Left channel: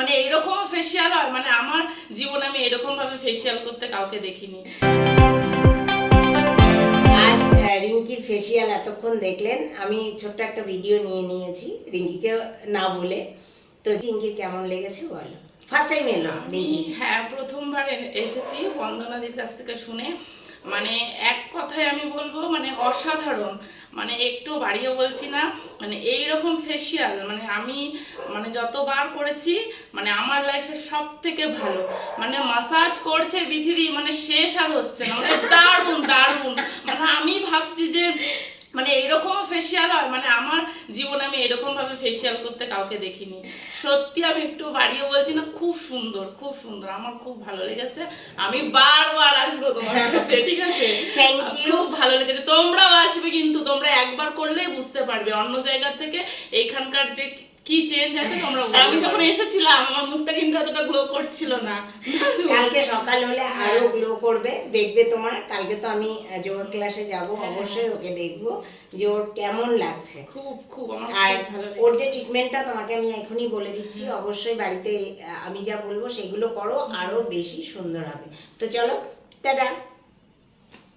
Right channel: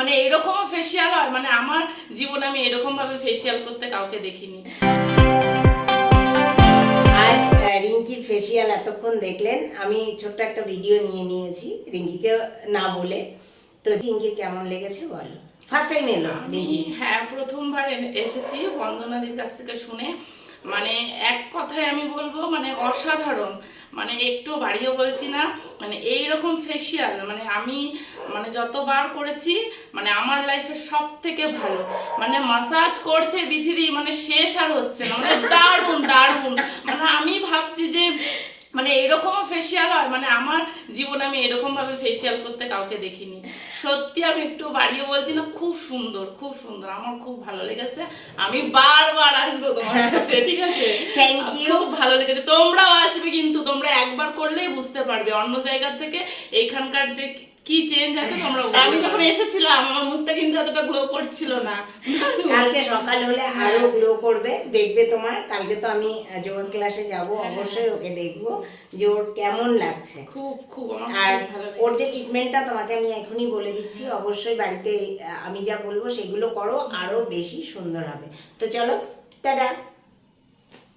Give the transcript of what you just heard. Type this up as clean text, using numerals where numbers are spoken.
মানে এরকম ফেসিয়াল হয়, মানে আমার জীবনে আমি এরকম ভাবে ফেসিয়াল করতে কাউকে দেখিনি। আজ রিঙ্কির ফেসিয়াল এতক্ষণ দেখলেন, আমি ছোট্ট একটা ভিডিও নিয়ে নিয়েছি রিঙ্কিকে না বলে। তো রিঙ্কির কেমন লেগেছে বলো? ফার্স্ট টাইম এলো রিঙ্কি? হ্যাঁ, প্রথমবার এসেছি বন্দনাদির কাছ থেকে শুনে। মানে এক কথায় আমি বলবো মানে অসাধারণ, মানে একটু বাড়িয়ে বলছি না। মানে এইরকম ফেসিয়াল মানে আমি মানে যতবার করেছি মানে আমার লাইফে সব থেকে ভালো। মানে মাসাজ করছে বিথিদি, মানে শেষ আর হচ্ছে না, মানে দারুণ দারুণ। মানে আমি ভাবছি যে মানে এরকম ফেসিয়াল হয়, মানে আমার জীবনে আমি এরকম ভাবে ফেসিয়াল করতে কাউকে দেখিনি। সত্যি আমি একটু বাড়িয়ে বলছি না, খুব সুন্দর খুব সুন্দর, আমার খুব ভালো লেগেছে। আমি বারবার আসবো তোমার কাছে, ঠিক আছে? Thank you. খুব ভালো লেগেছে, তোমরাও আসবে কিন্তু। তোমরা একবার করলেই বুঝতে পারবে অন্য জায়গার থেকে এইখানকার যে কি চেঞ্জ আছে তোমরা। আমি যখন এসেছিলাম আমার মুখটা কিন্তু এতটা গ্লো করছিল না। কালকে সকাল হলে আরো গ্লো করবে, দেখবে তোমার। কালকে তো আমি যোগা ক্লাসে যাব, অবশ্যই ওকে দেখবো যে ওর কেমন লাগছে। খুব খুব আমার আর খুব ভালো ওর লেগেছে। যে ট্রিটমেন্টটা তোমাকে আমি এখনই বলে দিচ্ছি, অবশ্যই বাড়িতে আমি যা বলবো সেগুলো করো, আরো বেশি সুন্দর হবে। তো চলো, টাটা।